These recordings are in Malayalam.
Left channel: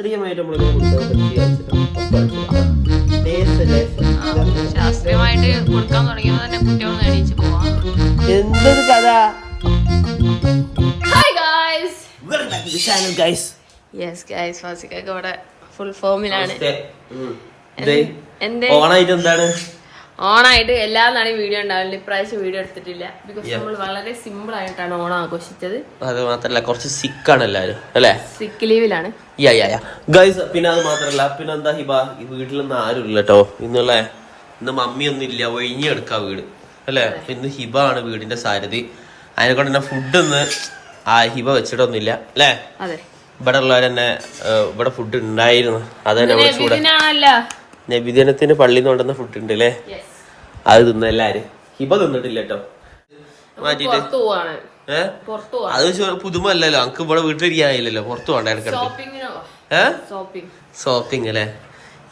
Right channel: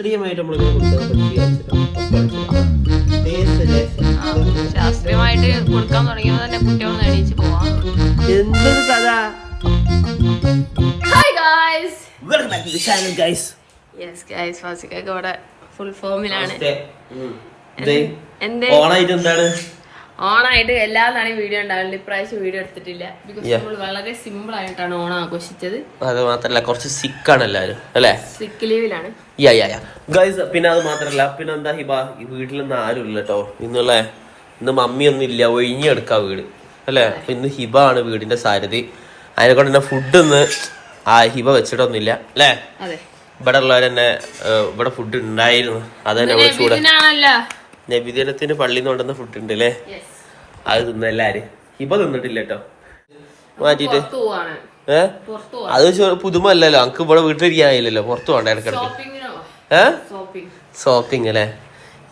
ശാസ്ത്രീയമായിട്ട് നമ്മൾ ശാസ്ത്രീയമായിട്ട് കൊടുക്കാൻ തുടങ്ങിയത് തന്നെ കുട്ടികൾ എണീച്ച് എന്തൊരു കഥ? Hi guys welcome back to channel guys yes guys ഫാസിക്കൊക്കെ ഇവിടെ ഫുൾ ഫോമിലാണ് എന്തേ ഓണായിട്ട് എന്താണ്? ഓണായിട്ട് എല്ലാ നാളും വീഡിയോ ഉണ്ടാവില്ല ഇപ്രാവശ്യം വീഡിയോ എടുത്തിട്ടില്ല. ബിക്കോസ് നമ്മൾ വളരെ സിമ്പിൾ ആയിട്ടാണ് ഓണം ആഘോഷിച്ചത്. അത് മാത്രല്ല കുറച്ച് സിക്ക് ആണ് എല്ലാവരും അല്ലേ? സിക്ക് ലീവിലാണ് യാ യാ യാ ഗൈസ് പിന്നെ അത് മാത്രല്ല പിന്നെ എന്താ ഹിബ? ഈ വീട്ടിലൊന്നും ആരും ഇല്ല കേട്ടോ ഇന്നുള്ള ഇന്ന് മമ്മിയൊന്നും ഇല്ല ഒഴിഞ്ഞെടുക്കാ വീട് അല്ലേ? അപ്പൊ ഇന്ന് ഹിബ ആണ് വീടിന്റെ സാരഥി. അതിനെ കൊണ്ട് തന്നെ ഫുഡ് ഒന്ന് ആ ഹിബ വെച്ചിട്ടൊന്നുമില്ല അല്ലേ? ഇവിടെ ഉള്ളവർ തന്നെ ഇവിടെ ഫുഡ് ഉണ്ടായിരുന്നു. അതന്നെ തന്നെ കൂടെ ചൂട് നബിദിനത്തിന് പള്ളിയിൽ നിന്ന് കൊണ്ടുവന്ന ഫുഡ് ഉണ്ട് അല്ലേ അത് തിന്നു എല്ലാരും ഹിബ തിന്നിട്ടില്ല കേട്ടോ മാറ്റിട്ട് ഏഹ് അത് പുതുമല്ലല്ലോ പുതുമ അല്ലല്ലോ നമുക്ക് ഇവിടെ വീട്ടിലിരിക്കാനില്ലല്ലോ പുറത്തു പോകണ്ട ഇടക്കിടക്ക് ഏഹ് ഷോപ്പിംഗ് അല്ലേ?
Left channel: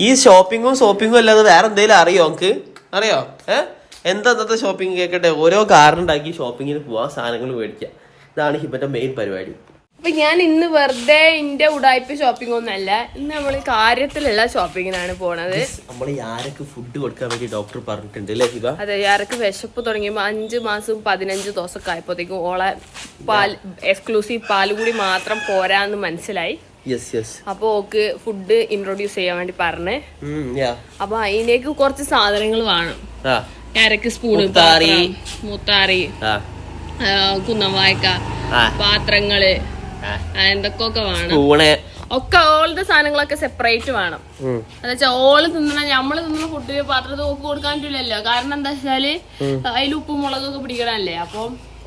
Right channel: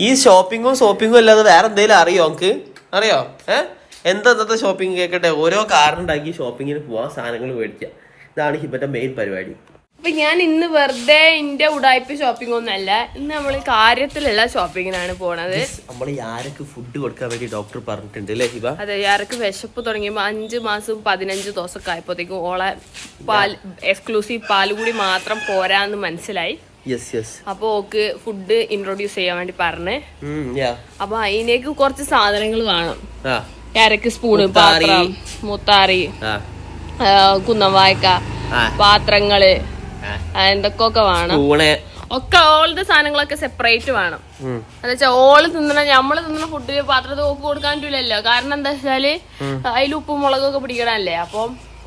ഈ ഷോപ്പിങ്ങും ഷോപ്പിങ്ങും അല്ലാതെ വേറെ എന്തെങ്കിലും അറിയോ നമുക്ക് അറിയോ? ഏഹ് എന്താ ഇന്നത്തെ ഷോപ്പിംഗ് കേൾക്കട്ടെ ഓരോ കാറുണ്ടാക്കി ഷോപ്പിങ്ങിന് പോവാ സാധനങ്ങൾ മേടിക്കുക ഇതാണ് ഹിബന്റെ മെയിൻ പരിപാടി. അപ്പൊ ഞാൻ ഇന്ന് വെറുതെ ഇന്റെ ഉടായ്പ ഷോപ്പിംഗ് ഒന്നല്ല ഇന്ന് നമ്മൾ കാര്യത്തിലുള്ള ഷോപ്പിങ്ങിനാണ് പോണത്. നമ്മൾ ആരൊക്കെ ഫുഡ് കൊടുക്കാൻ വേണ്ടി ഡോക്ടർ പറഞ്ഞിട്ടുണ്ട് അല്ലേ ഹിബ? അതെ ആരൊക്കെ വിശപ്പ് തുടങ്ങിയപ്പോൾ അഞ്ച് മാസവും പതിനഞ്ച് ദിവസമൊക്കെ ആയപ്പോഴത്തേക്കും ഓളെ പാൽ എക്സ്ക്ലൂസീവ് പാൽ കൂടി മാത്രം പോരാന്ന് മനസ്സിലായി. അപ്പൊ ഓക്ക് ഫുഡ് ഇൻട്രൊഡ്യൂസ് ചെയ്യാൻ വേണ്ടി പറഞ്ഞ്. അപ്പൊ അതിനേക്ക് കുറച്ച് സാധനങ്ങൾ വേണം. ക്യാരക്ക് സ്പൂണ് മുത്താറി. കുന്നവായ്ക്ക പാത്രങ്ങൾ എന്തൊക്കെയൊക്കെ വേണം? ഒക്കെ ഓളുടെ സാധനങ്ങളൊക്കെ സെപ്പറേറ്റ് വേണം. ഉം. എന്നുവെച്ചാ ഓൾ തിന്നണ നമ്മൾ തിന്നണ ഫുഡിൽ പാത്രത്തിൽ ഓക്ക് കൊടുക്കാൻ പറ്റില്ലല്ലോ കാരണം എന്താ വെച്ചാൽ അതിൽ ഉപ്പും മുളകൊക്കെ പിടിക്കണല്ലേ? അപ്പൊ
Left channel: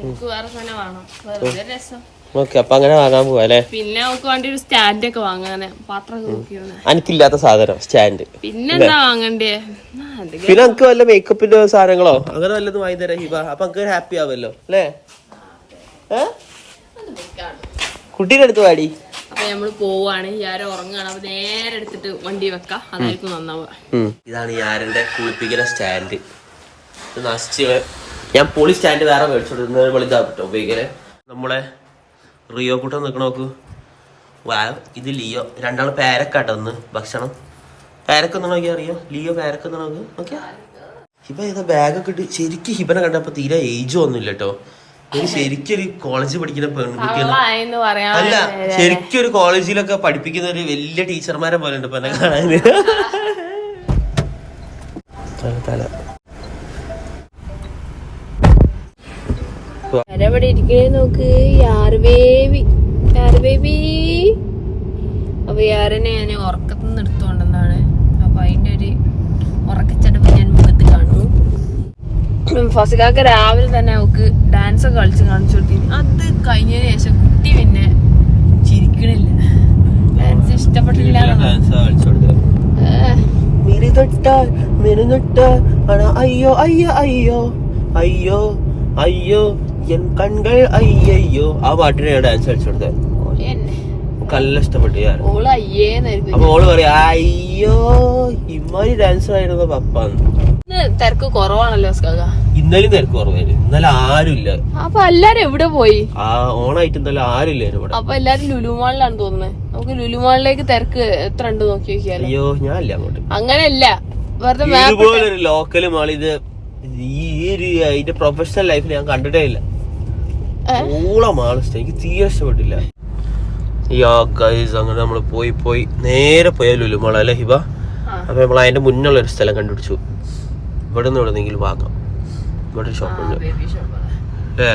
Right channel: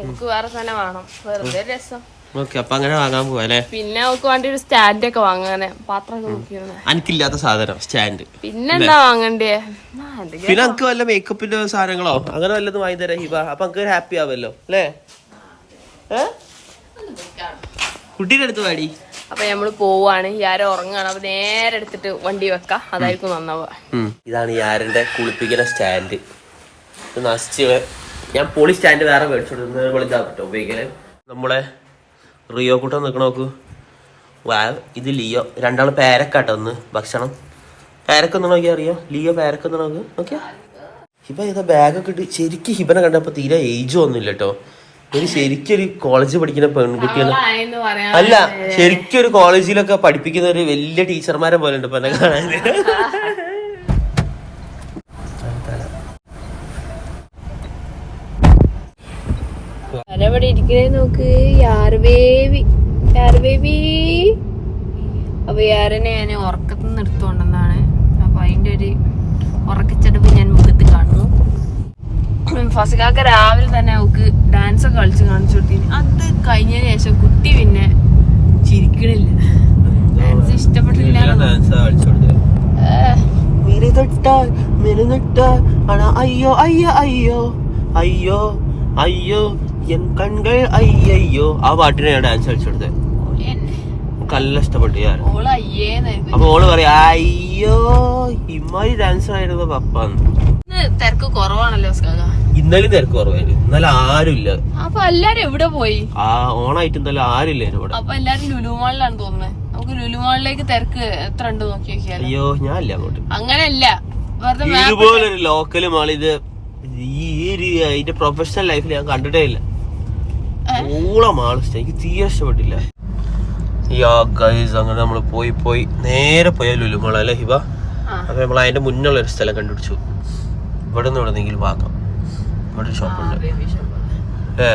ഓക്ക് വേറെ സാധനം വേണം. വെറുതെ രസം. അങ്ങനെ വാങ്ങാൻ പോവാ പിന്നെ നമുക്ക് വേണ്ടി ഒരു സ്റ്റാൻഡ് ഒക്കെ വാങ്ങാനെ. എനിക്കില്ലാത്ത സാധനം സ്റ്റാൻഡ് പിന്നെന്താ വാങ്ങണ്ടേ? പിന്നെ നമുക്ക് വല്ല മേക്കപ്പിന്റെ സാധനങ്ങളോ? അങ്ങനെ വല്ലതും വാങ്ങി തരാം ഹിബ. അപ്പൊ നമുക്ക് ഹാപ്പി ആവല്ലോ അല്ലേ? ഏ? കുട്ടീന്റെ അടുത്ത് വാടി അപ്പൊ നമ്മൾ പോവാണ്. യാര ഉറങ്ങാണ്. അപ്പൊ നേരെ എടുത്തിട്ട് വണ്ടി വെക്കാം. അതായിരിക്കും നന്നാവുക. ഇതാണ് യാരന്റെ കുളിപ്പിക്കുന്ന സ്റ്റാൻഡ്. ഇത് നശിച്ച് ഞാൻ പൊളി സ്റ്റാൻഡ് വേറെ മേടിച്ചോണ്ട് വെളുതാട്ടോ ഉപയോഗിക്കൽ. നമ്മളെ റിയോ കൂട്ടം നിൽക്കണ നോക്ക്. വാ ഇത് ലിയോ. രണ്ടാൾ പേരക്കാട്ടോ ഒന്ന് ഭക്ഷണം. പേരക്കൊന്ന് നോക്കിയാ അറിയോ? ലിയോ പേരക്കൊന്ന് നോക്ക്. നോക്കിയാ. ഹിബ ഏതാ ബാഗൊക്കെ ഇട്ട് ശരിക്കും ഹിബനെ കണ്ടപ്പോ തീരെ ഏജ് ഒന്നുമില്ല കേട്ടോ. ഒരു ശരിക്കും കോളേജ് പഠിക്കുന്ന പെൺകുട്ടിയാണ് എന്ന് അല്ല ശരിക്കൊരു കോളേജിലൊക്കെ പഠിപ്പിക്കുന്ന ഒരു വലിയ ടീച്ചർമാരെ പോലെ ഉണ്ട് ഇപ്പൊ എന്നെ കാണാൻ നോക്ക്? അപ്പൊ ഞാൻ ഉറക്കത്തുനിന്ന് എടുത്തുകൊണ്ടെന്നാണ് അപ്പൊ അതിന്റെ ഒരു ഉറക്കച്ചടപ്പ് ഞാൻ മുഖത്ത് കാണുന്നു ഫസിക്കാക്ക് രാവിലെ തന്നെ അവക്ക് ഡാൻസ് ഒക്കെ കളിച്ച് കാണിച്ചു കൊടുത്തിന്. അത് കഴിഞ്ഞതിന് ശേഷം കുട്ടി പിന്നെ ചിരിക്കണില്ല. ഡാൻസ് ഇഷ്ടപ്പെട്ടില്ല. അയ്യോ അയ്യോ അയ്യോ. അയ്യോ അയ്യോ. എൻ കൺകൾ അയ്യോ ആ പാട്ടിനെ ഞാൻ ഡാൻസ് കളിച്ചു കൊടുത്തത്. നല്ല ഇഷ്ടപ്പെട്ടു ഞാൻ അപ്പൊ ഓൾ പറയാ അയ്യോ ഇമ്മാരി ഡാൻസർ ആയിരുന്നു പപ്പാന്ന്. തിരക്ക് കുറവാണല്ലോ സ്കാക ഇന്നലെ തിരക്ക് കുറവായിരുന്നു. ഇന്നലെ ആരുമില്ല അപ്പൊ എല്ലാരും എവിടെ പോയി? ആ ഓണായിട്ട് ഇന്നലെ ആരുമില്ലായിരുന്നു ഇവിടെ. അപ്പൊ എല്ലാരും ലുലുമാളിലാണ് തോന്നുന്നത് നമുക്ക് ലുലുമാളിലേക്ക് തിരക്ക് എത്ര ഉണ്ട് നോക്കി നോക്കിയാലോ. അയ്യോ ഞാനില്ല അങ്ങോട്ട്. അങ്ങനെയല്ല. വെറുതെ ഇതുപോലൊരു ലോക്കൽ മാൾ ഇത് ഈ ഒരു അതിന്റെ പ്രൊഫഷണൽ ലൈഫിൽ ഞാൻ കണ്ടിട്ടേ ഇല്ല. ഓളം ഇഷ്ടം എനിക്ക് തീരെ ഇഷ്ടപ്പെട്ടില്ല. യാ ഗൈസ് അങ്ങനെ നമ്മൾ പോയി പോയി. നേരെ പോയ ലുലുമാള അല്ലേ ഹിബ. അപ്പൊ നമ്മൾ അതിന്റെ മുന്നുള്ള ഒരു സ്ഥലം കണ്ടുപിടിച്ചു. ഇവിടെ നിന്ന് എവിടെന്നെങ്കിലും വാങ്ങാം. ഇവിടെ ഷോപ്പുണ്ട്. ഏ?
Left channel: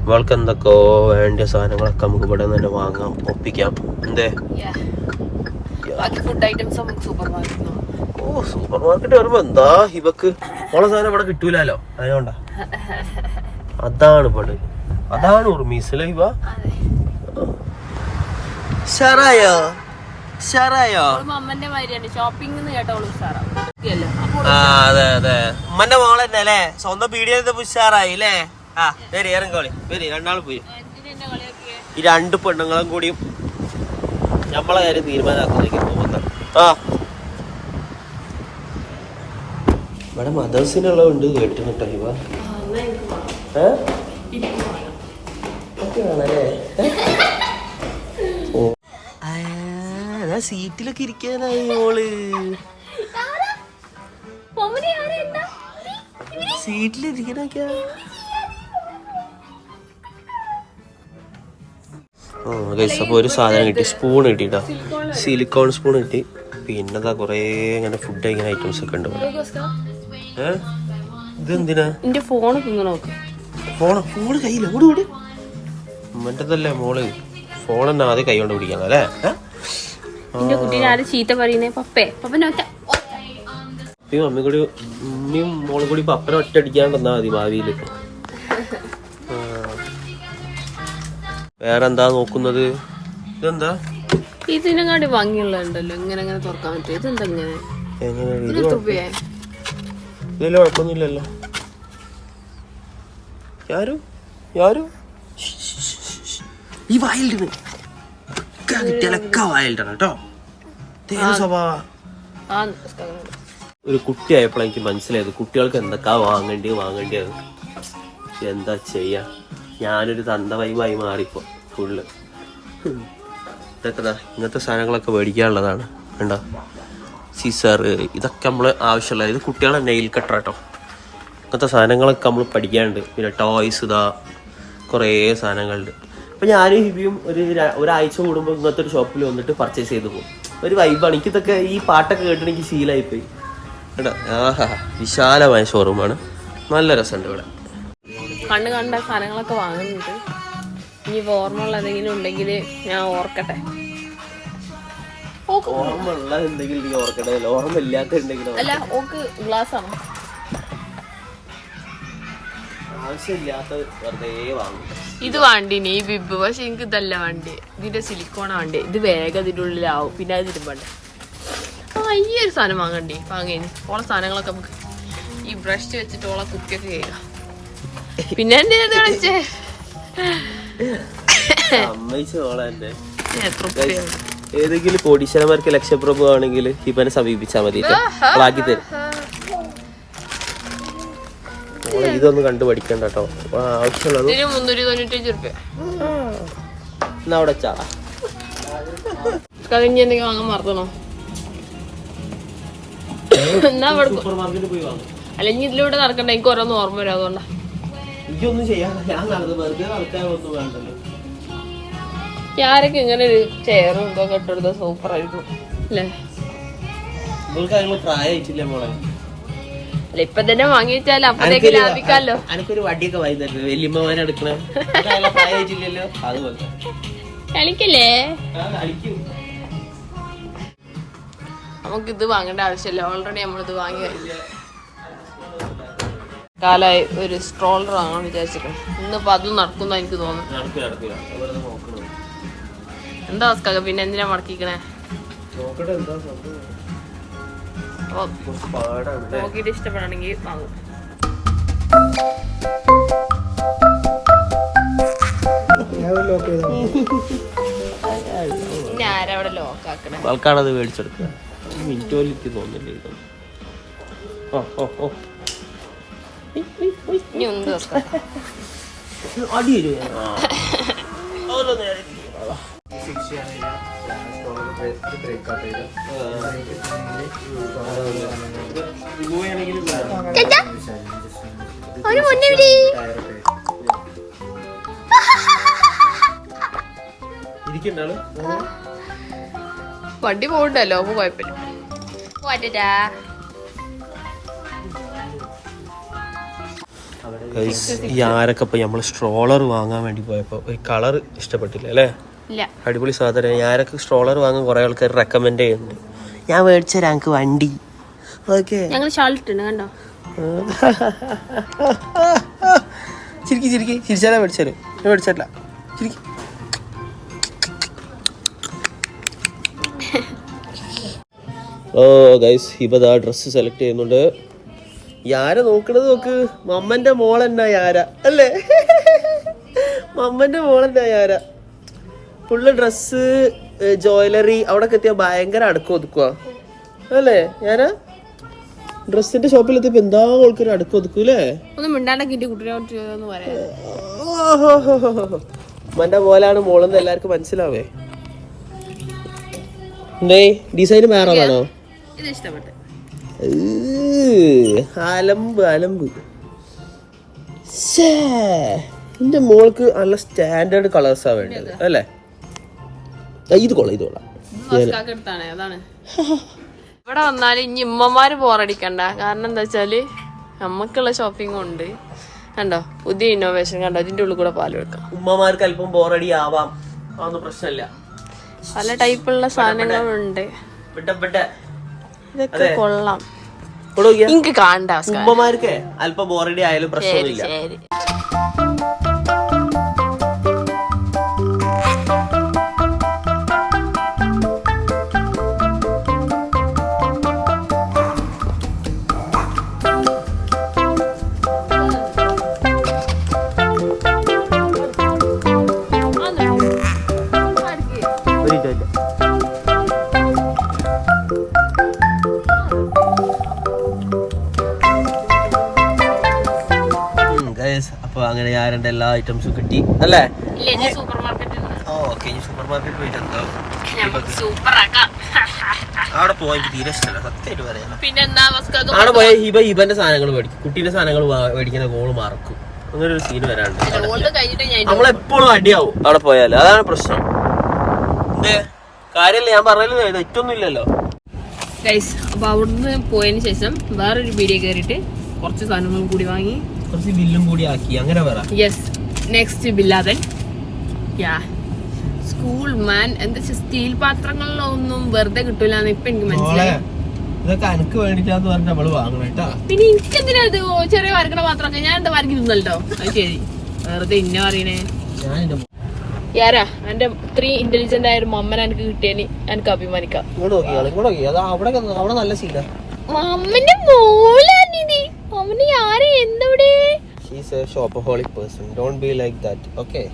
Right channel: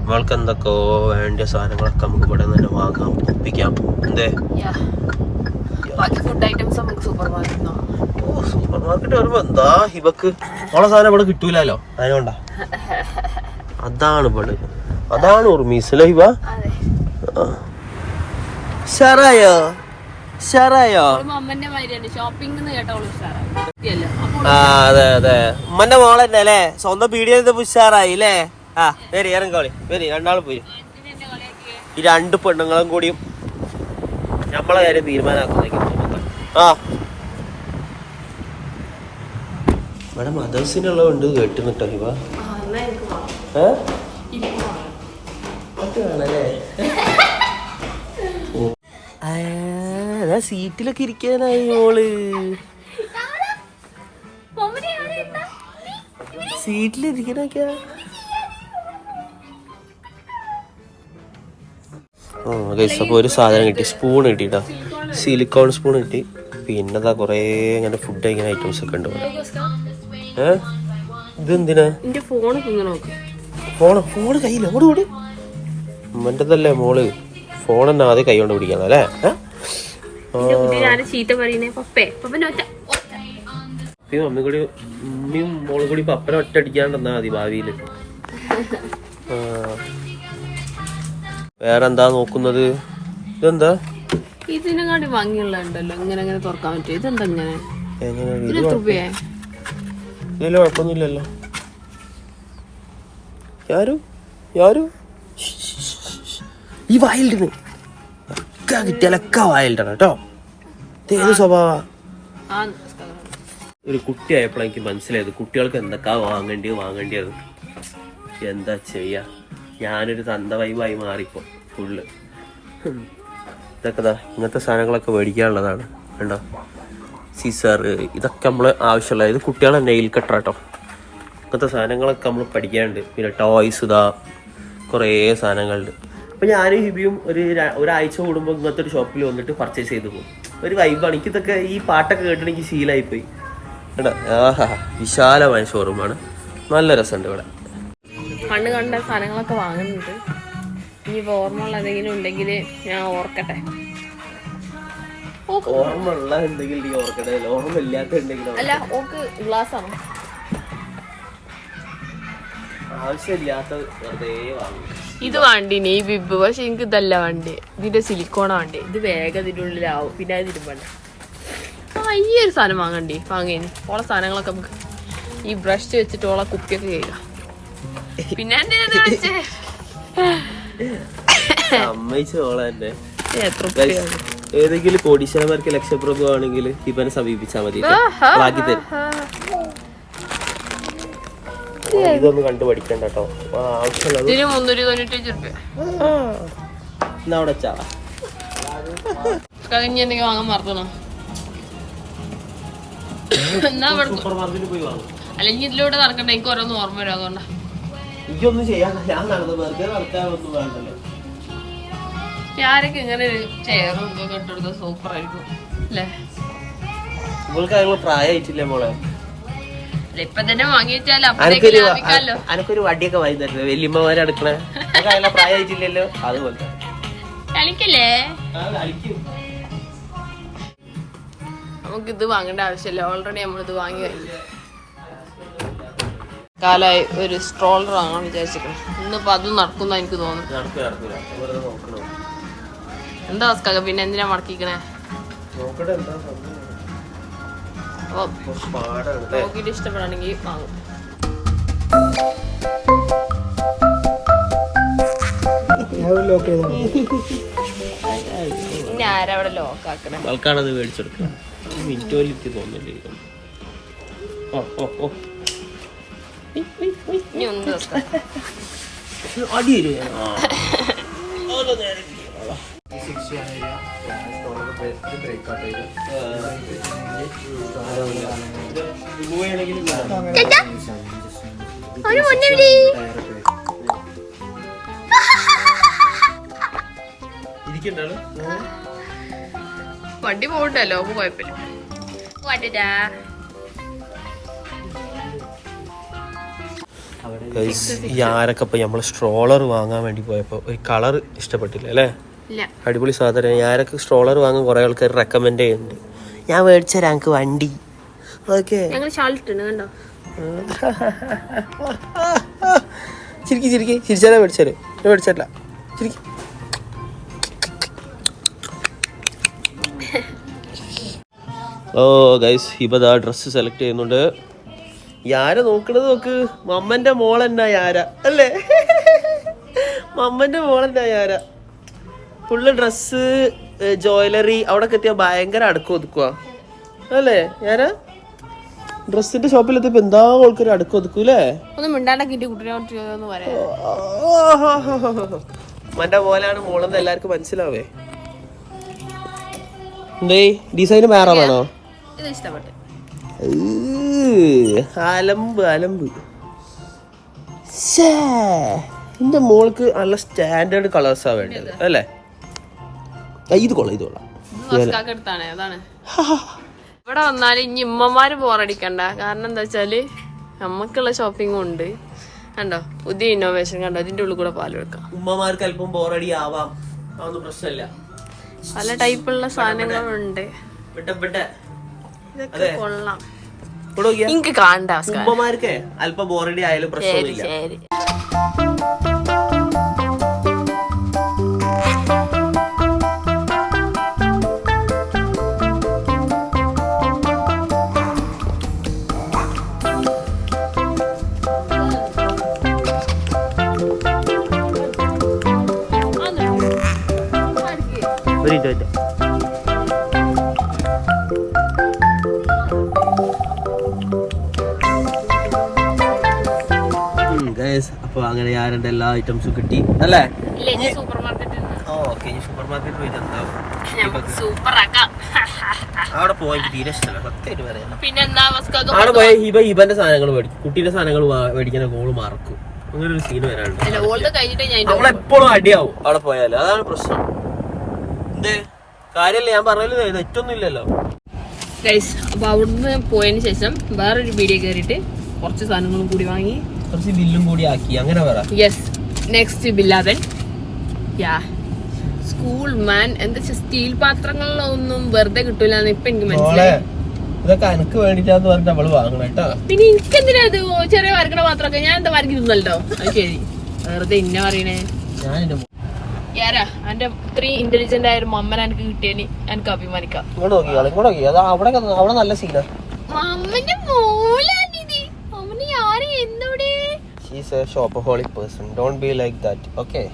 നമ്മൾക്ക് എന്തൊക്കെയോ വേണ്ട സാധനങ്ങളൊക്കെ നമുക്ക് ഇവിടെ നിന്ന് തന്നെ വാങ്ങാം ഒപ്പിക്കാം. എന്തേ? ഓ സൂപ്പർ മാർക്കറ്റ് വരുമ്പോ എന്താ ഇവക്ക്? ഓളെ സാധനം ഇവിടെ കിട്ടൂലോ അതുകൊണ്ടാ അതാണ് ഇവിടെ അതാണ് ഉർമീസല്ലോ ഇവ. അതെ. ഷറായോ ഷറായോ അമ്മന്റെ മാതിരിയാണ്. ഷോപ്പിംഗ് കേട്ടോളൂ ഉഷാറാണ് അതെ അതെ. ഉമ്മന്റെ മോളന്നെ അല്ലേ? സ്വന്തം പീടിയത് ഉഷാറായി അല്ലേ? ആ വരി ഇറങ്ങോളി വരി രണ്ടാളും പോയി? ഈ രണ്ട് പെണ്ണുങ്ങളും കൂടിയും നമ്മളെ കാര്യം തീരുമാനമാക്കുന്നെങ്കിൽ ആ. ഇവിടെ മദേഴ്സിനുള്ളതുണ്ട് എനിക്ക് വേണം. ഏ? ഇപ്പൊ വേണം. ഒക്കെ വേണല്ലേ? ഓ. ആ സീറ്റിലൊക്കെ ഇരിക്കാനായി മോൾ. സീറ്റിലിരിക്കണൊക്കെ ആ ഗൈസ് അപ്പോൾ ഒരു സാധനം കിട്ടി. സ്പൂൺ കിട്ടിട്ടാ. സിലിക്കോൺ സ്പൂൺ കിട്ടി. പിന്നെന്താ കുറേ ഇങ്ങനെ ഫുഡ് കഴിക്കുന്ന ഐറ്റംസ് ഒക്കെ ഉണ്ട് ഏ? ഇതെന്തിനാ? ഫോൺ ഫോണ് ഫോണ് കയ്യില്ല ഓട് ഓട്. ഉമ്മന്റെതല്ലേ മോൾ. ഫോൺ തന്നെ ആദ്യം കൈ കൊണ്ട് പിടിക്കണം അല്ലേ? ഏ? എന്റെ കുട്ടീനെ ആരും ചീത്ത പറയുന്നേ പപ്പേ. ഒറ്റ അമ്മയും കൂടി ഉമ്മയും മോളും കൂടി ഇപ്പൊ അപ്പനെ ഒറ്റ അടിക്കാണ്ടെന്നാ മതി ഭാവിയിൽ. ആ. വേറെന്താ നോക്കുന്നത്? ഇതെന്താ? ഇതിനെങ്ങാണ്ട് ഭംഗിയുള്ളതുണ്ടല്ലോ. ഇങ്ങനെ അങ്ങനെ തുറക്കാൻ പറ്റും ഇതെന്താ ഇങ്ങനെ? ഇതിൽ കുഴപ്പമൊന്നുമില്ലല്ലോ. യാരു? യാരു? ഈ വായിലിട്ട് ഒക്കെ കിട്ടിയാലൊക്കെ വായിലിട്ടാണ് കേട്ടോ ഏത് സ്വഭാവ. ആ ഒരു കുട്ടിയായപ്പോൾ എനിക്ക് മനസ്സിലായത് കുട്ടികൾക്ക് എന്തൊക്കെ വാങ്ങേണ്ടി വാങ്ങേണ്ടിയത് എന്താ ചെയ്യാ? ഞാനൊരു തന്ത വൈബായി മാറിപ്പോ ഫുള്ള്. ഇതൊക്കെ ഇങ്ങനത്തെ സാധനങ്ങളൊക്കെ മേടിക്കാനുള്ളതാണ്. കണ്ടോ? സീസർ ഇതൊക്കെ നമ്മൾ ആവശ്യമുള്ള ഇത് കുട്ടികളെ നെയിൽ കട്ടർ കേട്ടോ ഇങ്ങനത്തെ സാധനങ്ങളൊക്കെ നമ്മൾ പഠിക്കാനുണ്ട്. പിന്നെ ടോയ്സ് ഇതാ കുറേ സാധനങ്ങളുണ്ട്. അപ്പം ഞാനും ഹിബിയും ഒരു ഒരാഴ്ച കൂടുമ്പോൾ ഇങ്ങനത്തെ ഒരു ഷോപ്പിൽ വന്നിട്ട് പർച്ചേസ് ചെയ്തു പോകും. ഒരു വൈബാണ് എനിക്കിതൊക്കെ ഈ പാട്ടൊക്കെ കേട്ടിട്ട് എനിക്ക് ശീലമായിപ്പോയി കേട്ടോ ആഹാ വിശാലമായ ഷോറൂമാണ് നല്ല രസമുണ്ട് ഇവിടെ. കണ്ണ് കണ്ട സാധനങ്ങളൊക്കെ വാങ്ങുന്നുണ്ട്. ഇനി ഓർമ്മയുള്ള എന്തെങ്കിലും ഉണ്ടെങ്കിൽ ഞാൻ ഓർക്കട്ടെ. ഓക്ക് ഓർമ്മ ഉള്ള എന്തെങ്കിലും ഓർക്കട്ടെ. ഓർമ്മ ഇല്ലാത്ത എന്തെങ്കിലും അല്ല ഓക്ക് ഗ്ലാസ് ആണോ? ആവശ്യമില്ലാത്ത വെറുതെ വാങ്ങും. ഇത് വേണ്ടിനി ഈ ബിബ് പക്ഷെ എനിക്ക് ഇതല്ല വേണ്ടി. ഇതിന്റെ സിലിക്കോണ വേണ്ടി. ഇത് വേഗം ഇതിന്റെ ഉള്ളിലാവും. പിന്നെ അത് തിരുമ്പണ്ട ഈ ഒരു സാധനം വാങ്ങണ്ടേ? വാങ്ങേ ഓളെ സാധനങ്ങളൊക്കെ നമുക്ക് ഈ ബ്രഷ് വെച്ചിട്ട് ഓളെ കുപ്പിയൊക്കെ കേൾക്കാം പിന്നെ എന്റെ ഇത് എത്ര? ഏതെങ്കിലും കോടീശ്വരന്മാർക്ക് ലക്ഷപ്രഭു ആണെങ്കിൽ ഇവനെ സമീപിച്ചാൽ മതി ബാക്കി തരും. ഇതൊന്നും കണ്ടു പഠിക്കണ്ട കേട്ടോ. ആവശ്യമുള്ളത് എന്നാ അവിടെ കഴിഞ്ഞ എന്തെങ്കിലും വാങ്ങാൻ എന്നാ അവിടെ അല്ലെങ്കിൽ ഇതിലൂടെ നടക്കണ്ട. എനിക്ക് ഓരോന്ന് ഓർമ്മ വരും അതുകൊണ്ടാ. എനിക്കൊന്നും ചെയ്യാൻ ഞാൻ നടന്നു വെറുതെ നടക്കാനൊന്നും വേണ്ടല്ലോ. ഞാനൊക്കെ ഇങ്ങനെ ഒരു ചെയറും ഇതൊക്കെ ഇട്ടെടുത്ത സൂപ്പർ ആയിരിക്കും. അല്ലേ? പ്രായമായിട്ടില്ലേ മോളെ? ഇപ്പൊ തന്നെ വാങ്ങിച്ചാലോ വെച്ചാൽ അപ്പഴേക്ക് അനക്കൊരു ലാഭിക്കാലോ? അനക്കൊരു വടിയൊക്കെ വാങ്ങി തരുന്നത് വല്യമ്മമാരെ അടുക്കണേ പ്രായമായിട്ടില്ലല്ലോ. അതുപോലെ. കളിക്കില്ലേ. നമുക്ക് ഇത് വാങ്ങേണ്ട ആവശ്യമില്ല. ഓൾറെഡി നമ്മളിത് വാങ്ങി കഴിഞ്ഞു. കാലായി ഒരു സ്ട്രോളർ വാങ്ങാൻ വിചാരിച്ചിരിക്കണം ഇന്നിപ്പോ അത് നടക്കുന്ന എനിക്ക് തോന്നുന്നു. എന്താ അവസ്ഥ? പിന്നെ എന്തിനാ മടക്കിക്കണേ? നോക്കട്ടെ എന്താ സംഭവം. അപ്പൊ? നോക്കിയിട്ട് ഇഷ്ടപ്പെടണമെങ്കിൽ വാങ്ങും. ഇനി ലോക്കാക്കണേ അവിടെ ലോക്ക് ആക്കണേ ആൾക്കാരത് മേടിച്ചെടുക്കുക എനിക്ക് തോന്നുന്നില്ല ഓ ഓ ഓ. ഇനി ഒന്ന് അടി ഇരിക്കണ്ടാണ് വണ്ടി പോകണ്ടല്ലോ അപ്പൊ കുഴപ്പമില്ല ഈ ആരൊക്കെ ഇപ്പൊ നമ്മൾ സ്ട്രോളർ വാങ്ങാൻ വേണ്ടി പോയപ്പോ ഒരു കളർ ഇഷ്ടപ്പെട്ടില്ല അല്ലേ? അടിപൊളി സാധനം. ഞാനൊക്കെ സ്ട്രോളർ വാങ്ങാൻ കുറെ ആൾക്കാർ റെക്കമെൻഡ് ചെയ്യുന്നുണ്ട്. ഞാൻ മേടിച്ച ഞങ്ങൾക്ക് വണ്ടി. ഓക്കെ. ചിരിക്കി ചിരിക്കി. ചിരിച്ചാലേ മേടിച്ചാൽ ഞാൻ മേടിച്ചല്ല ചിരിക്കി. ഓ ഗൈസ് ഹിബദ ഡ്രസ്സ് സെലക്ട് ചെയ്യുന്നുണ്ട്. യാര നോക്കണത് നോക്ക്. മമ്മന്റെ മോൾ എന്നാ യാര? അല്ലേ? മമ്മന്റെ മോൾ എന്നാ യാര? ഫുള്ള് ഡ്രസ്സ് ജ്വല്ലറി അവിടെ എത്തിയാൽ ഭയങ്കര അടുക്കം ഒതുക്കുക അല്ലേ ഞാൻ? ഡ്രസ്സിന്റെ ഷോപ്പിൽ എത്തിയപ്പോ എന്താ ആൾക്കാർ അടുക്കം ഒതുക്കൂലേ ഒന്ന് പറയാം മന്റെ പോലാണ് മോളെന്ന് എല്ലാവർക്കും മനസ്സിലാവേ. എന്തേ ഡിസൈൻ വേറെ വേണോ? അലമ്പ് അലമ്പ്. എന്റെ മോൾക്ക് നല്ല സ്റ്റാൻഡേർഡ് കളേഴ്സാ വേണ്ടത് അല്ലേ? ഇത് കൊള്ളാം ഇത് കൊള്ളാം. അതാണ്. ഇവിടെ വന്നാൽ ഇനി ഇമ്മമാര് ബോറടിക്കണ്ട. കാരണം എന്താ വെച്ചാൽ നമുക്കുള്ള ഷോപ്പിംഗും ഉണ്ട്. കണ്ടോ? പുതിയ ഇന്നോവേഷൻ കണ്ടോ? അതിന്റെ ഉള്ളിൽ കൂടെ പാൽ വെക്കാം ഉമ്മമാർക്ക് അല്പം ബോറടി ആവാം അതൊന്നും പ്രശ്നമില്ല. പല ടൈപ്പുള്ള സാധനങ്ങളുണ്ട്. ഇതൊക്കെ കൊള്ളാം. എനിക്ക് കാണണ്ട അവസ്ഥ ഉമ്മമാർക്ക് അല്പം ബോറടി ആയാലും ശരി പ്രശ്നമില്ല അപ്പൊ അങ്ങനെ ഞാൻ രണ്ട് എല്ലാ ഐറ്റംസും കിട്ടി അല്ലേ? ഓക്കെ ഇനി സൂപ്പർ പോയിട്ട് എന്താ? അവിടെ പോയി എനിക്ക് തീരെ ഇഷ്ടമല്ല സത്യമായിട്ട് പറയാം. പിന്നെന്താ മസ്കാക്ക് അവിടെ പോയ ഹിബ ഹിബന്റെ സാധനങ്ങൾ മേടിക്കും. കുട്ടീന്റെ സാധനങ്ങൾ മേടിക്കുന്ന ഗോൾ മറക്കും അങ്ങനെ ഒരു സീൻ ഓൾഡ് കഴിഞ്ഞിട്ട് നമ്മളെപ്പോഴും അടിയാവും അവിടെ പോയാൽ അതാണ് പ്രശ്നം. കാര്യമില്ല ഞാൻ പറഞ്ഞല്ലോ തെറ്റൊന്നും ഇല്ലല്ലോ ഗൈസ് അപ്പൊ അവിടുന്ന് പോയതിന് ശേഷം വേറൊരു പീടിയ കയറിയിട്ട് കുറച്ച് സാധനങ്ങളും കൂടി വാങ്ങി. കുറച്ച് ബില്ലും കൂടി ആക്കി അങ്ങനെ പറ. യെസ് നെക്സ്റ്റ് ബില്ലാതൻ യാ സ്കൂൾ മാൻ എന്താ സ്റ്റീൽ പാത്രങ്ങളിലൊന്നും വെറുതെ കിട്ടൂല ഇപ്പൊ എനിക്ക് മനസ്സിലായി. ഇതൊക്കെ എനിക്ക് വേണ്ടിട്ടാന്ന് പറഞ്ഞിട്ട് അവൾ വാങ്ങണം കേട്ടാ പിന്നെ എനിക്ക് എന്തിനാ ഇത് ചെറിയ വരക്കണ പാത്രമൊക്കെ? ഞാൻ എന്താ വരക്കി തിന്നല്ലോ അത് ശരി. വെറുതെ ഇന്ന പറയണേ. ഞാൻ യാരാ? എന്റെ ഇത്രയും ഇന്റലിജന്റ് ആയ ഒരു മമ്മനെ എനിക്ക് കിട്ടിയതിന് എനിക്ക് അഭിമാനിക്കാം. ഇങ്ങോട്ട് നോക്കി ഇങ്ങോട്ട് നോക്കി. അതാ അവിടെ അവിടെ നല്ല സീനാ മമ്മന്റെ മോലാനിത് മമ്മന് ആരെ എന്തവിടെ? She's a shopaholic person don't be like that okay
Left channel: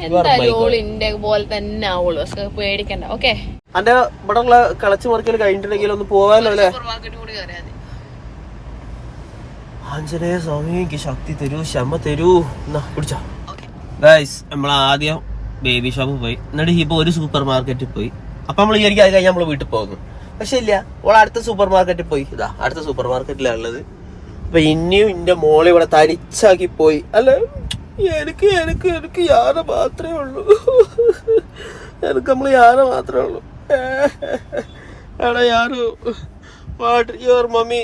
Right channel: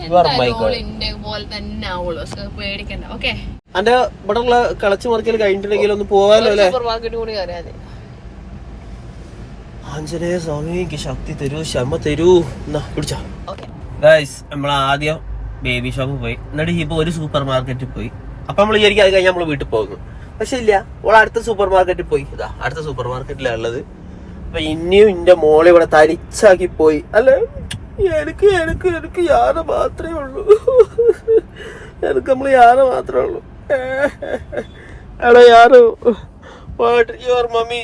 You are my പോലെ തന്നെ ആവുള്ളൂ. പേടിക്കണ്ട ഓക്കെ അന്റെ ഇവിടെ ഉള്ള കളച്ചു മറിക്കൽ കഴിഞ്ഞിട്ടുണ്ടെങ്കിൽ ഒന്ന് പോവാലോ അല്ലേ? സൂപ്പർ മാർക്കറ്റ് കൂടി കയറിയാൽ മതി ആഞ്ജനേയ സ്വാമി എനിക്ക് ശക്തി തരൂ ശമ തരൂ. എന്നാ പിടിച്ചോ. ഗൈസ് നമ്മൾ ആദ്യം ബേബി ഷോപ്പ് പോയി. എന്നിട്ട് ഇപ്പൊ ഒരു സൂപ്പർ മാർക്കറ്റിൽ പോയി. അപ്പൊ നമ്മൾ വിചാരിക്കും അത് കഴിഞ്ഞ് നമ്മൾ വീട്ടിൽ പോകുന്നു. പക്ഷെ ഇല്ല. ഓൾ അടുത്ത സൂപ്പർ മാർക്കറ്റിൽ പോയി. ഇതാ അടുത്ത സൂപ്പർ മാർക്കറ്റിലാണ് ഉള്ളത്. അപ്പൊ ഇനിയും എന്റെ മോളെ ഇവിടെ തനിച്ചാക്കി പോയി. അല്ലെ എനിക്ക് എനിക്ക് എനിക്ക് യാന മാത്രമേ ഉള്ളൂ. എനിക്ക് നമ്മൾ യാന മാത്രമേ ഉള്ളൂ. എടാ യാനോ what your mummy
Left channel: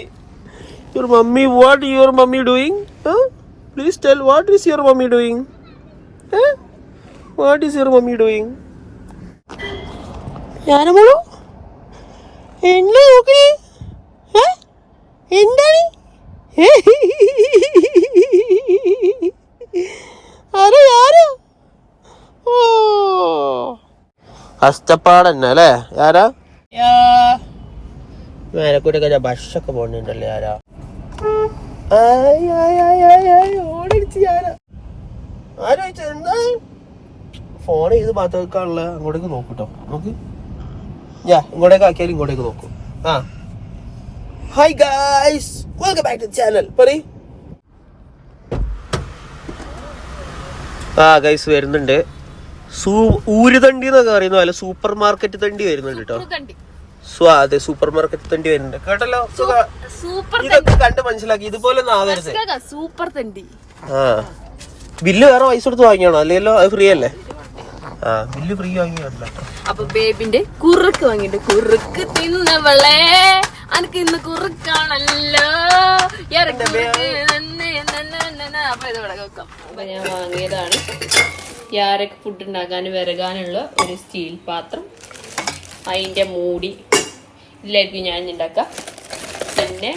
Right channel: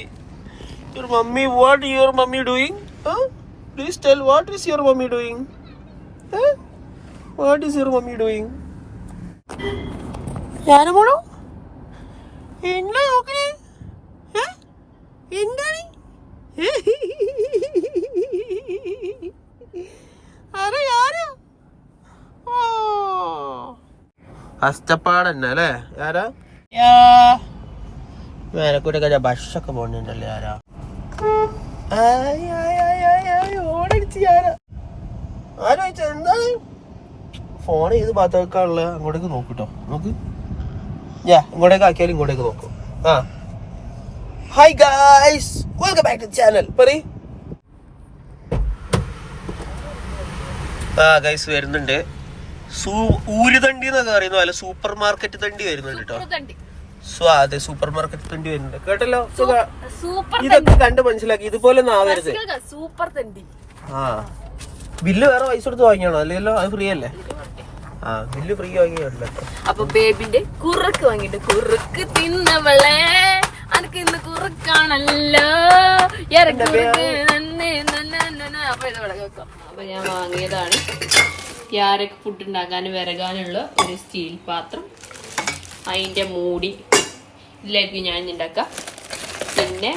your mummy what your mummy doing please tell what is your mummy doing doing? Huh? What your mummy doing? ഞാനമോളൂ എന്നെ നോക്കണേ? എന്താണ്? ആരാ ആരാ? ഓ. കഷ്ടപ്പാടന്നെ അല്ലേ? ആരാ? മേലക്കൂട്ടൊക്കെ ബസ്സൊക്കെ പോണുണ്ടല്ലേ ആരാ? ഓടടിച്ച് ആരോ ചോദിച്ചാ എന്താണ്? ഫോൺ ഏത് ഭാഗത്ത് വെക്കാനുള്ള അങ്ങോട്ടേക്ക് നോക്കൂട്ടോ. നോക്ക്. ഞാ ഇങ്ങോട്ടേക്ക് ആക്കിയാൽ ഇങ്ങോട്ടേക്ക് നോക്കും. ആ. Hi guys welcome back to channel പറയ്. ആ ഗൈസ് വരുന്നുണ്ട്. ഊരുതണ്ടി എന്നൊക്കെ പറയുന്ന പോലെ സൂപ്പർ മാർക്കറ്റ് തണ്ടി വരുന്നുണ്ട് കേട്ടോ. സോ അതെ സൂപ്പർ മാർക്കറ്റ് തണ്ടി വരുന്നുണ്ട്. കേട്ടല്ലോ? ഇതൊക്കെ കണ്ട് മനസ്സിലാക്കി. ഇതുപോലെ ഒന്നും ആവരുത്. സൂപ്പർ തണ്ടി ആ. ബില്ല് വേറെ പൈസ കൊടുത്ത് വാങ്ങിയാണോ? അല്ലല്ലോ അത് ഫ്രീ അല്ലേ? ആ ബില്ല് ഫ്രീ വാങ്ങി വരണം കേട്ടോ അപ്പൊ ബേബിന്റെ കുറുക്ക് വാങ്ങിട്ട് കുറുക്ക് തിന്നവളെ അനക്ക് ഇന്ന് കുറുക്കാണല്ലോ. അപ്പൊ ഇത് ഞാൻ വാങ്ങിയതാണ്. യാരക്ക് ഫുഡ് ഉണ്ടാക്കാൻ വിറകാനുള്ള ഒരു സ്റ്റീൽ പാത്രം. അതിന്റെ മൂടി. ഇല്ലായിരിക്കും ഞാൻ ഉണ്ടാക്കാം. പിന്നെ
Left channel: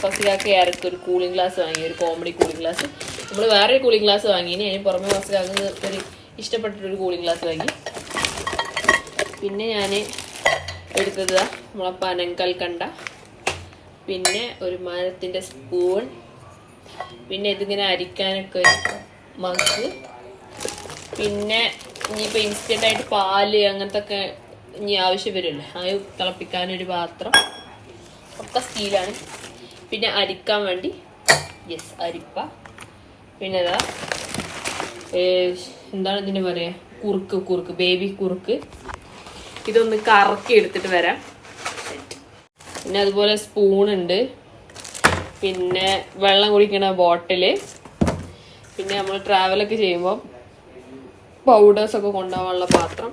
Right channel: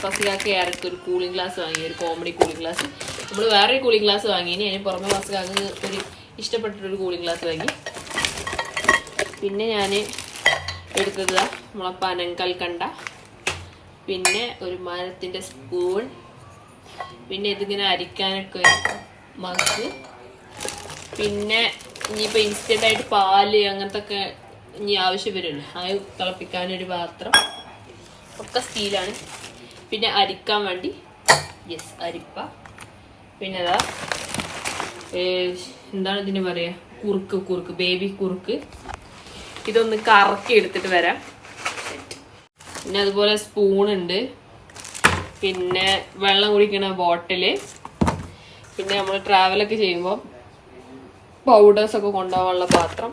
ഫസികാക്ക് യാരക്ക് ഒരു കൂളിംഗ് ഗ്ലാസ് വാങ്ങി ഒരു കോമഡി കൂളിംഗ് ഗ്ലാസ് നമ്മൾ വേറെ കൂളിംഗ് ഗ്ലാസ് വാങ്ങി. ഇനി അതിന് പുറമെ ഫസികാക്ക് ഒരു ഇഷ്ടപ്പെട്ടൊരു കൂളിംഗ് ഗ്ലാസ് വാങ്ങി. പിന്നെ ഞാൻ എടുത്തത് നമ്മളെ പനങ്കൽക്കണ്ട പിന്നെ ഒരു മരത്തിന്റെ സ്പൂൺ പിന്നെ ഇതിങ്ങനെ അരിക്കാനൊക്കെ ഒരു മഗ് പിന്നെ ഇനിയിപ്പോൾ ഇൻസ്റ്റന്റ് ആയിട്ട് പാൽ അങ്ങനത്തെ ഒക്കെ ഇനി ആവശ്യം വരുമല്ലോ. അത് തിളപ്പിക്കാനൊരു പാത്രം. ഒക്കെ സ്റ്റീലാണ് പിന്നെ അരിക്കാൻ വേണ്ടി യെസ് അരിപ്പ. പിന്നെ അതാ എന്താണ് ഇതിന് പറയുക കുറുക്ക് കുറുക്ക് ബേബി കുറുക്ക്. ഇതൊന്ന് കറക്കി എടുത്തിട്ട് വരാം. പിന്നെ അതുപോലെ സ്പൂൺ ഉണ്ട്. പിന്നെ വെള്ളം കുടിക്കണ ബോട്ടിൽ പിന്നെ നമ്മൾ ട്രാവലൊക്കെ ചെയ്യുമ്പോൾ പൗഡേഴ്സ് ഒക്കെ കൊണ്ടുപോകാനുള്ള പാത്രം.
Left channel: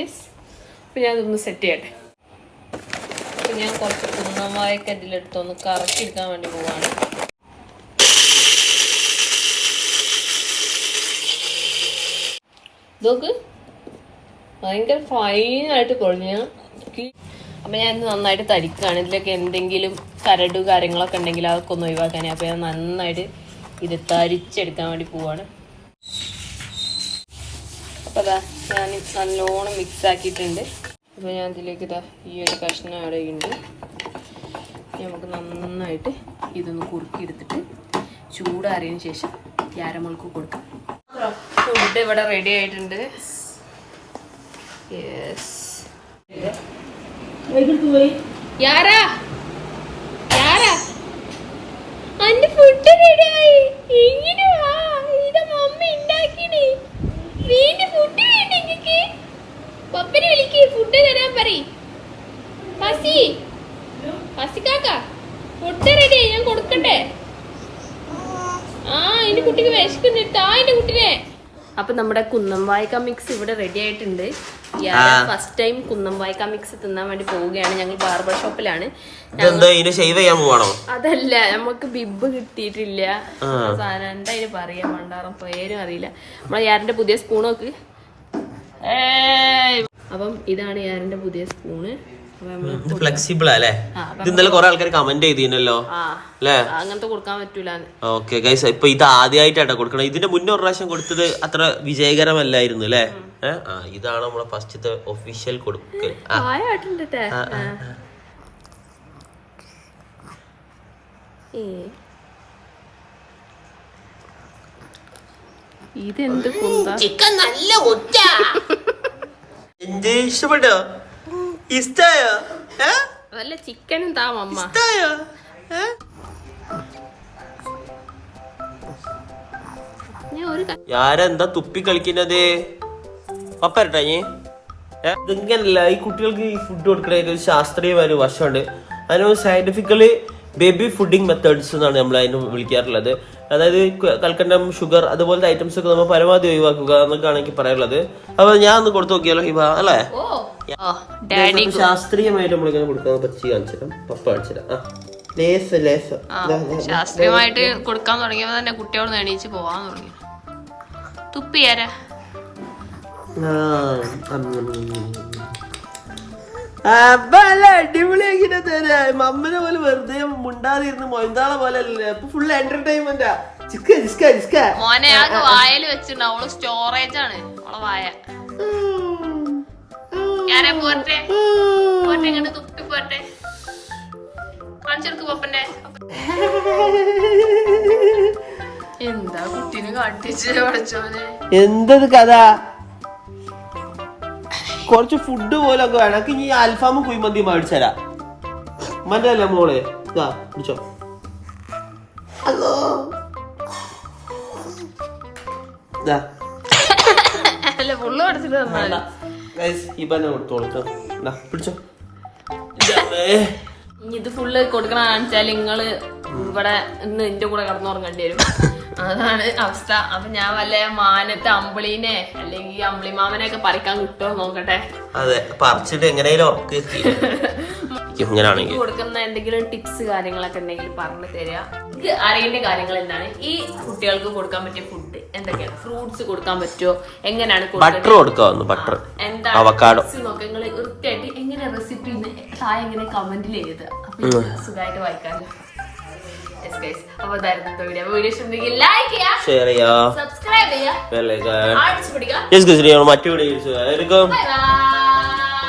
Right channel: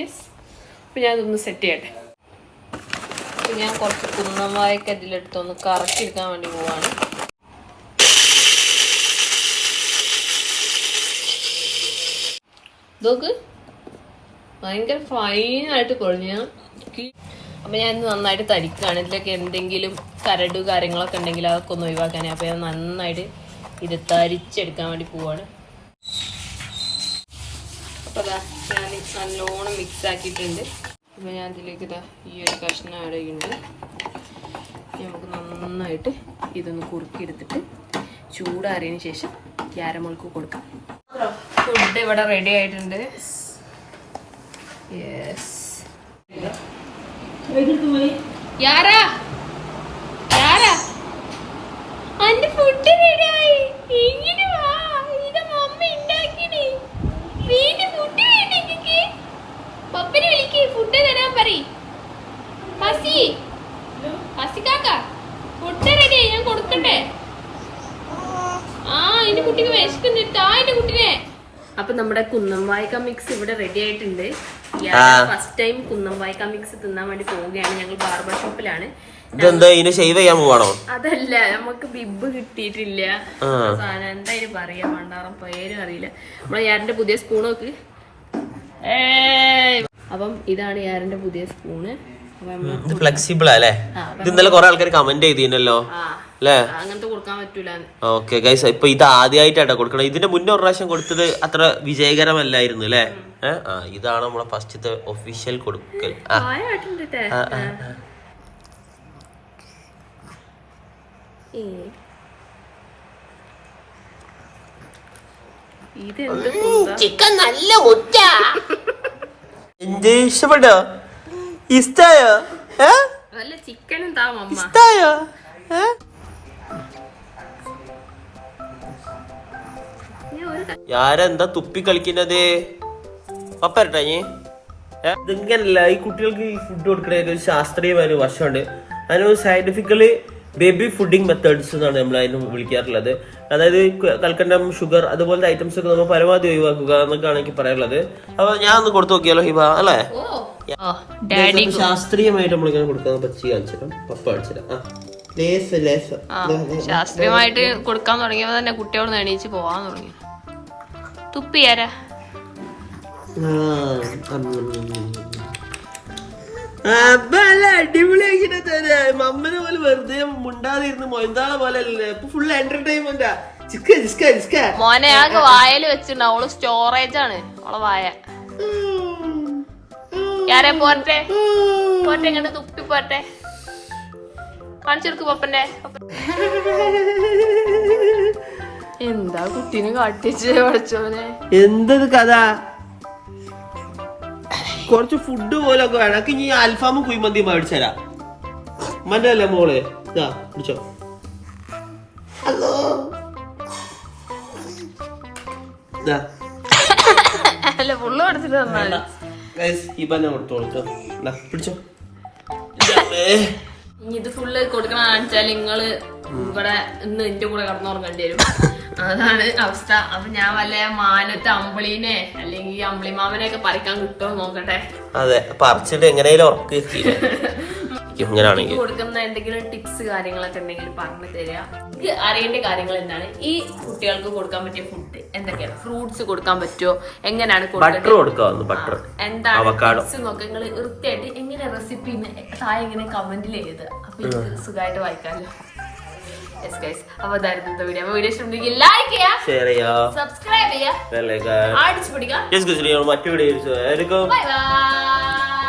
യെസ് അപ്പം ഞാൻ ഇതൊന്ന് സെറ്റ് ചെയ്യട്ടെ. അപ്പം ഞാൻ കുറച്ച് കുന്നമായൊക്കെ ഇതിലെടുത്തൊന്ന് കറക്കി എടുക്കാൻ വേണ്ടി പോവാണ്. ഇതൊക്കെ ഭയങ്കര ഫൈനായിട്ട് കുഴഞ്ഞ അപ്പം ഞാൻ ഇന്ന് നന്നായിട്ട് തരിക്കുകയാണ് ഇതിലൊക്കെ എന്തെങ്കിലും കരട് കാര്യങ്ങളൊക്കെ ഉണ്ടെങ്കിൽ അതൊക്കെ ഒന്ന് ഒഴിവാക്കാനേ. അപ്പോൾ ഞാൻ നന്നായിട്ട് ഇത് തരിച്ചെടുക്കാൻ വേണ്ടി പോവാണ്. അപ്പൊ അതാ ഞാൻ നല്ലോണം മിക്സ് ആക്കിയിട്ടുണ്ട്. അപ്പോൾ ഞാൻ ഇതിലേക്ക് ഇതാ ഈ ഒരു കഷ്ണം ആഡ് ചെയ്യുന്നുണ്ട് നമുക്ക് നന്നായിട്ട് ഇതൊന്ന് കുറുക്കിയെടുത്തിട്ട് ചൂടാറിയതിന് ശേഷം ക്യാരമുളക്ക് കൊടുക്കാം. ഫുഡ് ഇവിടെ റെഡി ആയിട്ടുണ്ട്. യെസ് യാരാ യാരാ അന്റെ ഫുഡ് റെഡിയായി ഇങ്ങനെ വാ ഇത് മമ്മി ഉണ്ടാക്കിനി വീണ്ടും ഫുഡ് വേണ്ട ഇങ്ങക്ക് പപ്പനെ വിളിക്ക് ഫുഡ് തരാൻ പറ ഹസി ഹസി കാക്ക ഫുഡ് റെഡിയായി ഞാൻ കൊടുക്കട്ടെ ആ എന്റെ കുട്ടിക്ക് വിശക്കുന്നിട്ട് ആ എന്റെ കുട്ടിനെ അപ്പൊ നമ്മുടെ കുന്നംവായ്ക്ക മിക്സ് ഇവിടെ റെഡി ആയിട്ടുണ്ട്. ഫസ്റ്റ് ടൈം കുന്നം കുന്നംവായ്ക്ക മിക്സ് തിന്നാൻ വേണ്ടി പോവുകയാണ്. ഞങ്ങൾ ബാർബർ ഷോപ്പിലാണ് ഇതെന്താ ഇതിനെ ഷെയ്വ് ചെയ്യാൻ പോവാണോ? അതല്ല നമുക്ക് ബിബ് കിട്ടിയിട്ടില്ല. സാധനം എന്താ ഇതിന് പറയാ മണ്ടാറം പേരും അറിയില്ല. നമ്മളെ യാറിന്റെ പുതിയ സ്പൂൺ നോക്കി. അപ്പം ഇതാണ് യാറിന്റെ പുതിയ സ്പൂണ് ഫ്ലെക്സിബിൾ അല്ലേ? ഇത് ഇന്നലെ കുറെ ആൾക്കാർ കമന്റ് ചെയ്തിരുന്നല്ലോ അല്ലേ? അങ്ങനത്തെ കൊടുക്കാൻ ഓക്കെ ഗൈസ് ഇപ്പൊ ഇത് ആദ്യമായിട്ടാണ് കൊടുക്കണം ഇതിന്റെ മുന്നേ ഒരു പ്രാവശ്യം കൊടുത്തത് അത്ര വിജയകരമല്ലായിരുന്നു അല്ലേ? ആ ഇതാണ് നമ്മളെ ഫസ്റ്റ് ഒഫീഷ്യൽ കൊടുക്കൽ? ചിക്കൻ നല്ല മുറ്റ. എന്ത് ഇഷ്ടപ്പെട്ടോ? ഇഷ്ടായോ? വല്ല ചിക്കനും താ മമ്മ. ഇഷ്ടായോ? ക- തുപ്പി കളിക്കുന്നത്? അപ്പരട്ടെ നീ ഇതെങ്ങനല്ല ഈ കുട്ടികൾക്ക് ഈ ഫുഡ് കൊടുക്കുന്നതിന് ഒരു ശാസ്ത്രീയമായ ഒരു വശമുണ്ട്. അതിന് സയന്റിഫിക്കലി ബേബി ഫുഡിങ് മെത്തേഡ്സ് എന്നാണ് നമ്മൾ അതിന് വിളിക്കാറുള്ളത്. അതായത് കൽക്കണ്ടം ഷുഗർ അതുപോലത്തെ ഐറ്റംസ് ഒക്കെ നമ്മൾ പരമാവധി ഒഴിവാക്കുക എന്നൊക്കെയാണ് എനിക്ക് പറയാനുള്ളത്. അപ്പൊ ഞാൻ ഒന്ന് കൊടുത്തു നോക്കിയാലോ ഹിബ അല്ലേ? ഡാഡി ഇതൊക്കെ ശാസ്ത്രീയമായിട്ട് നമ്മളിങ്ങനെ കൊടുക്കാൻ പച്ചി കാണിച്ചിടാം പപ്പ കാണിച്ചിടാം ലേസ് ലേസ്. ശാസ്ത്രീയമായിട്ട് കൊടുക്കാൻ തുടങ്ങിയപ്പോ തന്നെ കുട്ടിയോട് എണീച്ച് പോവാൻ തുടങ്ങി. തുപ്പിയാരാ മമ്മിനെ പോലെ വെറുതെ മുണ്ടാതിരുന്ന് മൊയ്താളെ പോലെ അല്ലേ അപ്പൊ ഫുൾ എന്റർടൈൻമെന്റാ മോനെ ആ വായൽ വെച്ചിട്ടുണ്ട്. അവൾ സ്റ്റോറേജ് ആണ്. അവളെ വായ. പോട്ടെ പോട്ടെ ഇങ്ങോട്ട് തുപ്പി പോട്ടെ കാണിച്ചെടുക്ക് പപ്പന്റെ. എന്താ കുട്ടീനെ കാട്ടിച്ച് പഠിച്ചോനെ എന്തത് കഥ? കുറച്ച് ഫുഡ് പോലൊക്കെ വേണം. എനിക്ക് ഈ അൽഫാമ് കുഴിമന്തി മേടിച്ചരാ മനല്ലേ മോളെ? ഇതാ പിടിച്ചോ അല്ലോ അല്ല ഫുള്ള് പഠിച്ചിട്ട് തന്നാൽ ഗൈസ് ഈ ബന്ന കൊടുത്തോളൂ ട്ടോ. ഇതാ, പിടിച്ചോ. ഇനി ഇത് ഫുള്ള് കൊടുക്കണ കാണിച്ചാൽ നിങ്ങൾ ഇവിടെ ഇന്ന് എന്റെ കൂടെ കടന്നുറങ്ങേണ്ടി വരും. അതാണ് അവസ്ഥ. അപ്പൊ ഞാൻ വല്ല മാനത്തെ അമ്പിളീനെ അല്ലെങ്കിൽ അമ്പിളിമാമനെ ഒക്കെ പറിക്കാൻ കിട്ടുമോ നോക്കട്ടെ. അതെ പറിച്ചിട്ട് എങ്ങനെയാലും ഉറക്ക്. ഇങ്ങനാണെങ്കിൽ. കൊടുക്കുന്ന എന്തെങ്കിലും ടിപ്സ് കാര്യങ്ങളൊക്കെ എന്തെങ്കിലും പറഞ്ഞു തരിക അറിയേണ്ട കാര്യങ്ങൾ എന്താണ്? ഈ കുട്ടികൾക്ക് കൊടുക്കാൻ പറ്റിയ ഫുഡ് എന്തൊക്കെയാണ്? ഫ്രൂട്ട്സ് കൊടുക്കാൻ പറ്റുമോ എങ്ങനെയാണ് ബട്ടർ കൊടുക്കാവുന്നു ബട്ടർ എന്താണ് നോക്കി. നിങ്ങൾ വൃത്തിയായിട്ട് എങ്ങനെ റെസിപ്പി താഴെ ഇങ്ങനെ കമന്റിൽ എഴുതുക അപ്പൊ എനിക്ക് സുഖമായിട്ട് വായിക്കാമല്ലോ അപ്പൊ വീഡിയോ വീഡിയോ ഇഷ്ടമെങ്കിൽ ലൈക്ക് ചെയ്യുക ഷെയർ സബ്സ്ക്രൈബ് ചെയ്യുക മറ്റു ആയിരിക്കും ബൈ ബൈ